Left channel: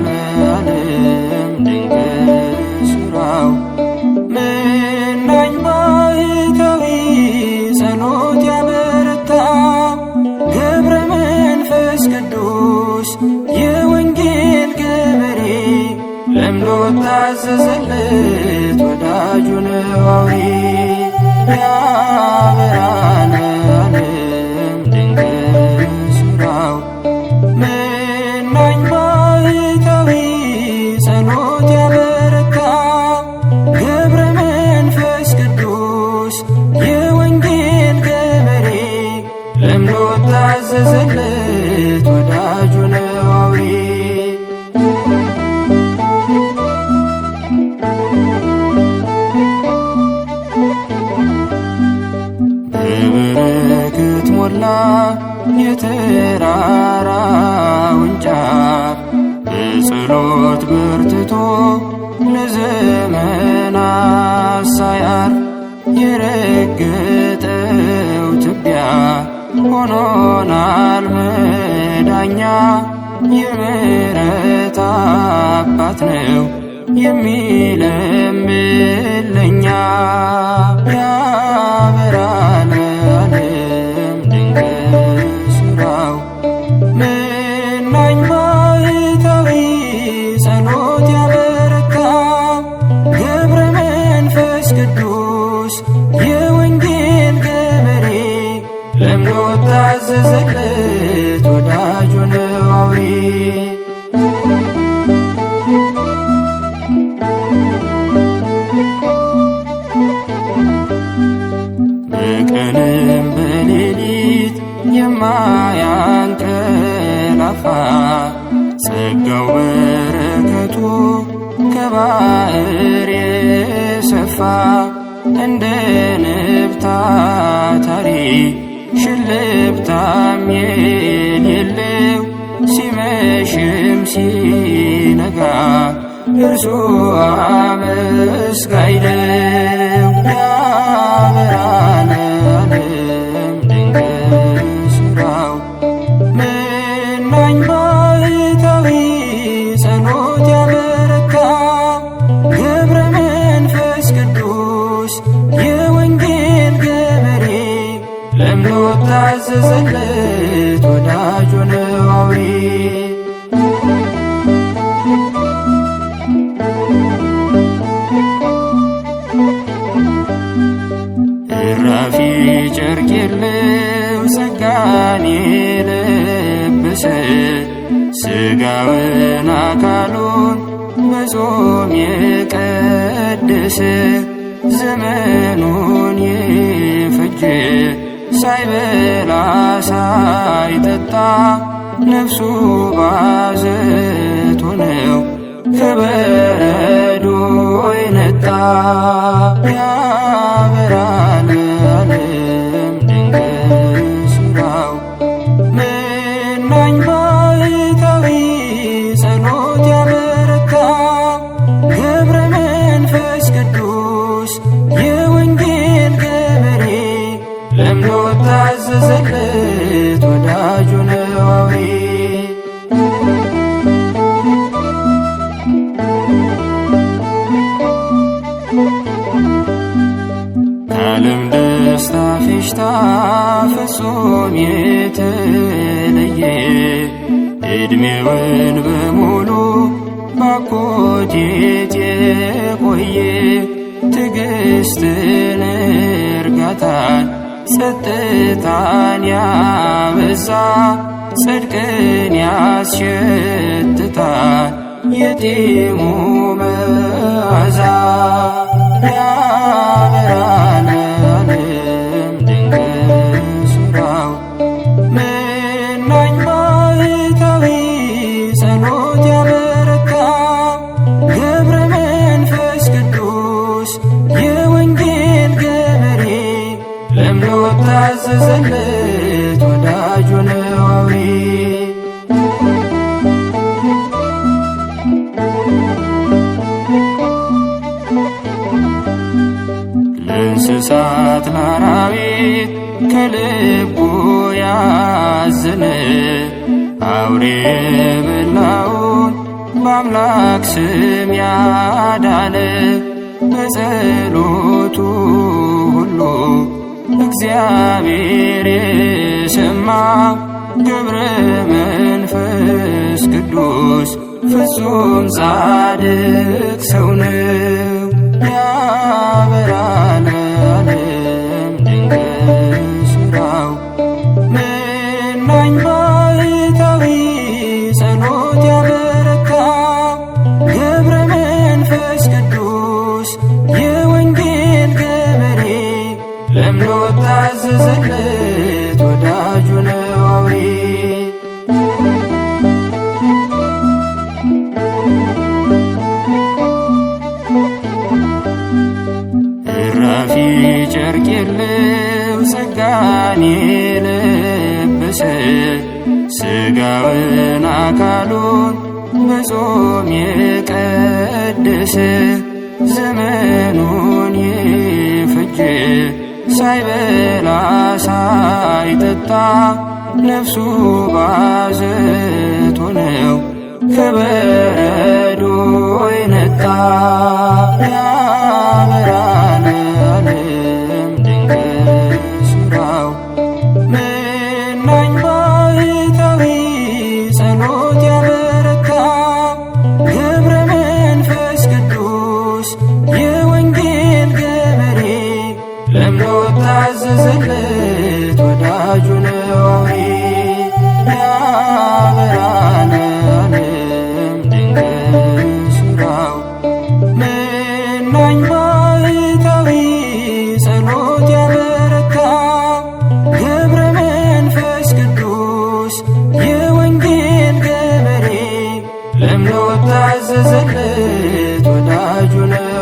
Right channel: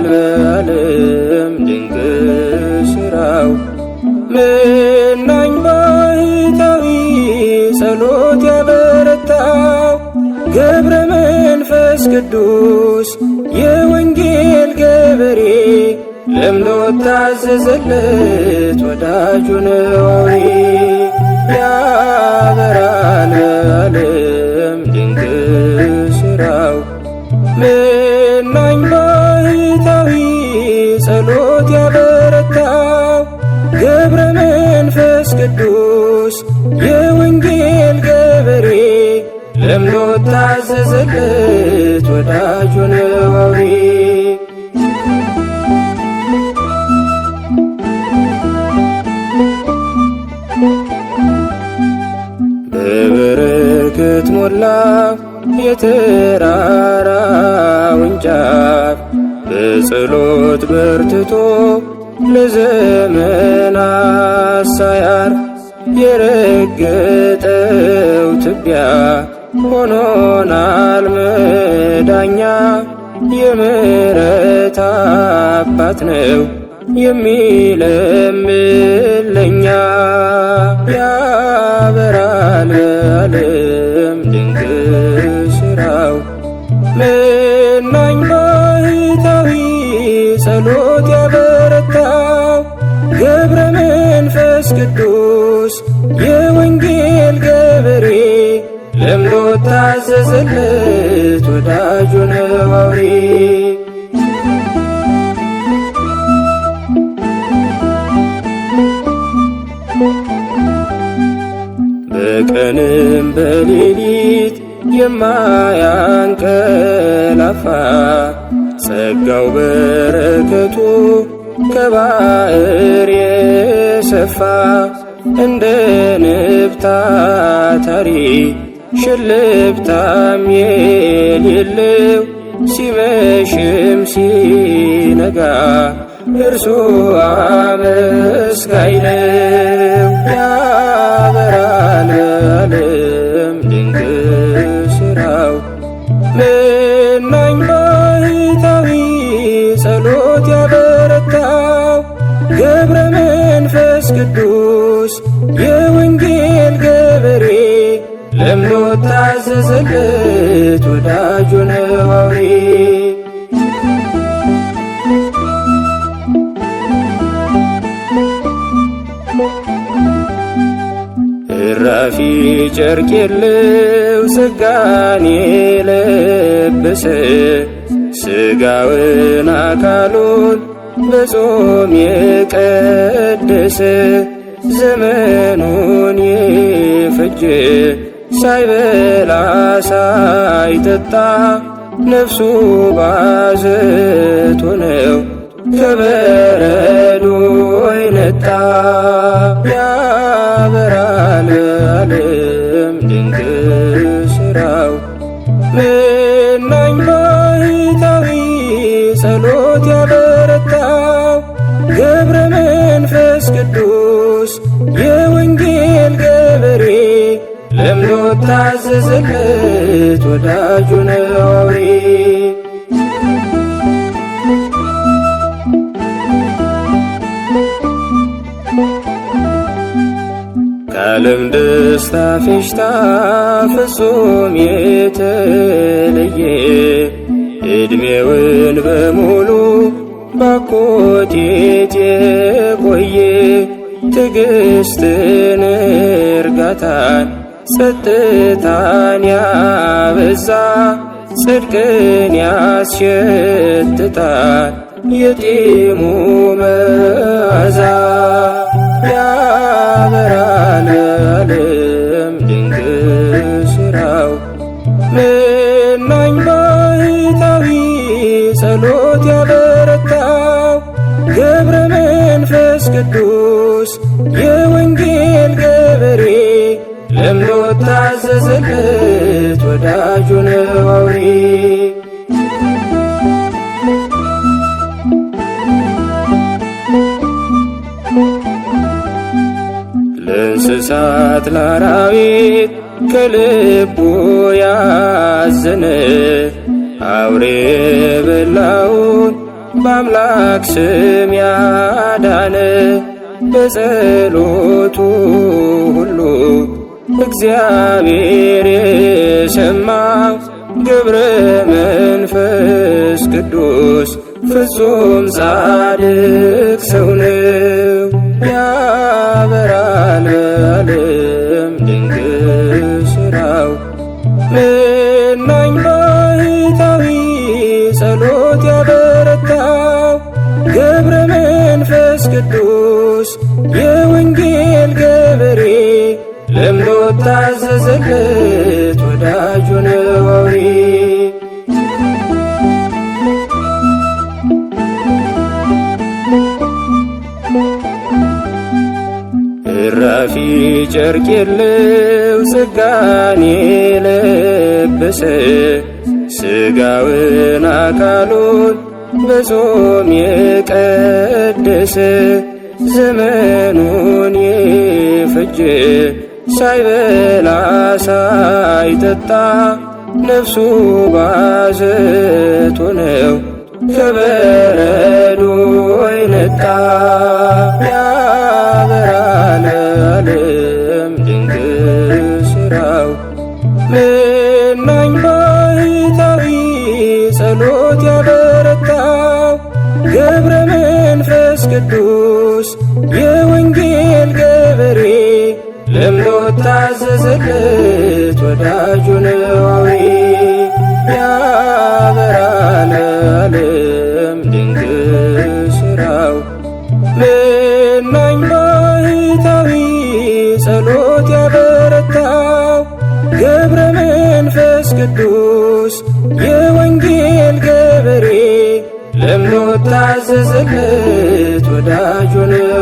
ያበራል በዓለም ድንቅ ሥራው። መናኝ ባሕታዊ ጸሎት ያበረታው ገብረ መንፈስ ቅዱስ የወንጌል ገበሬ ለምዶ ታዘዘለት ወዳጁ ነው አውሬ። ያበራል በዓለም ድንቅ ሥራው መናኝ ባሕታዊ ጸሎት ያበረታው ገብረ መንፈስ ቅዱስ የወንጌል ገበሬ ለምዶ ታዘዘለት ወዳጁ ነው አውሬ። በበረከት ሞላ የተራራውን ጫፍ በጸሎት በርትቶ ለዘመናት ሳያርፍ የረገጠው ትቢያ ሆኖናል መዳኛ። የምሕረት አባት ነው የሚለምን ለኛ። ያበራል በዓለም ድንቅ ሥራው መናኝ ባሕታዊ ጸሎት ያበረታው ገብረ መንፈስ ቅዱስ የወንጌል ገበሬ ለምዶ ታዘዘለት ወዳጁ ነው አውሬ። በቀንም በሌሊት የማያንቀላፋ ጸጋው በረከቱ ከባሕር የሰፋ እንደ ንብ ታታሪ ሽልብታም የሌለው ሲመሽም ሲነጋ እርሱ አመስጋኝ ነው። ያበራል በዓለም ድንቅ ሥራው መናኝ ባሕታዊ ጸሎት ያበረታው ገብረ መንፈስ ቅዱስ የወንጌል ገበሬ ለምዶ ታዘዘለት ወዳጁ ነው አውሬ። እራፊ ጨርቅ የለው ጸጋን የለበሰ ሥጋውን አካሉን በጾም የቀደሰ ዘመኑን የፈጀ ሳይበላ ሳይጠጣ ነፍሱ ባዘቶ ነው ከበረዶ የነጣ። ያበራል በዓለም ድንቅ ሥራው መናኝ ባሕታዊ ጸሎት ያበረታው ገብረ መንፈስ ቅዱስ የወንጌል ገበሬ ለምዶ ታዘዘለት ወዳጁ ነው አውሬ። ከዓለም ደስታ ፌሽታ ፍጹም የተለየ ዕድሜውን በሙሉ ባኮቴት የቆየ ትዕግስትን እርጋታን ጸጥታን ያበዛ ጽድቅን ያስሸትታል የጢሙ መዓዛ። ያበራል በዓለም ድንቅ ሥራው መናኝ ባሕታዊ ጸሎት ያበረታው ገብረ መንፈስ ቅዱስ የወንጌል ገበሬ ለምዶ ታዘዘለት ወዳጁ ነው አውሬ። ለእንስሳት ለአራዊት ከልቡ ያዘነ አውሬ የበላውን በአምላክ ስም ያዳነ በጸሎቱ ሁሉ እግዚአብሔር የሰማው ገብረ መንፈስ ቅዱስ ፍጹም ጻድቅ ሰው ነው። ያበራል በዓለም ድንቅ ሥራው መናኝ ባሕታዊ ጸሎት ያበረታው ገብረ መንፈስ ቅዱስ የወንጌል ገበሬ ለምዶ ታዘዘለት ወዳጁ ነው አውሬ። እራፊ ጨርቅ የለው ጸጋን የለበሰ ሥጋውን አካሉን በጾም የቀደሰ ዘመኑን የፈጀ ሳይበላ ሳይጠጣ ነፍሱ ባዘቶ ነው ከበረዶ የነጣ። ያበራል በዓለም ድንቅ ሥራው መናኝ ባሕታዊ ጸሎት ያበረታው ገብረ መንፈስ ቅዱስ የወንጌል ገበሬ ለምዶ ታዘዘለት ወዳጁ ነው አውሬ። ያበራል በዓለም ድንቅ ሥራው መናኝ ባሕታዊ ጸሎት ያበረታው ገብረ መንፈስ ቅዱስ የወንጌል ገበሬ ለምዶ ታዘዘለት ወዳጁ ነው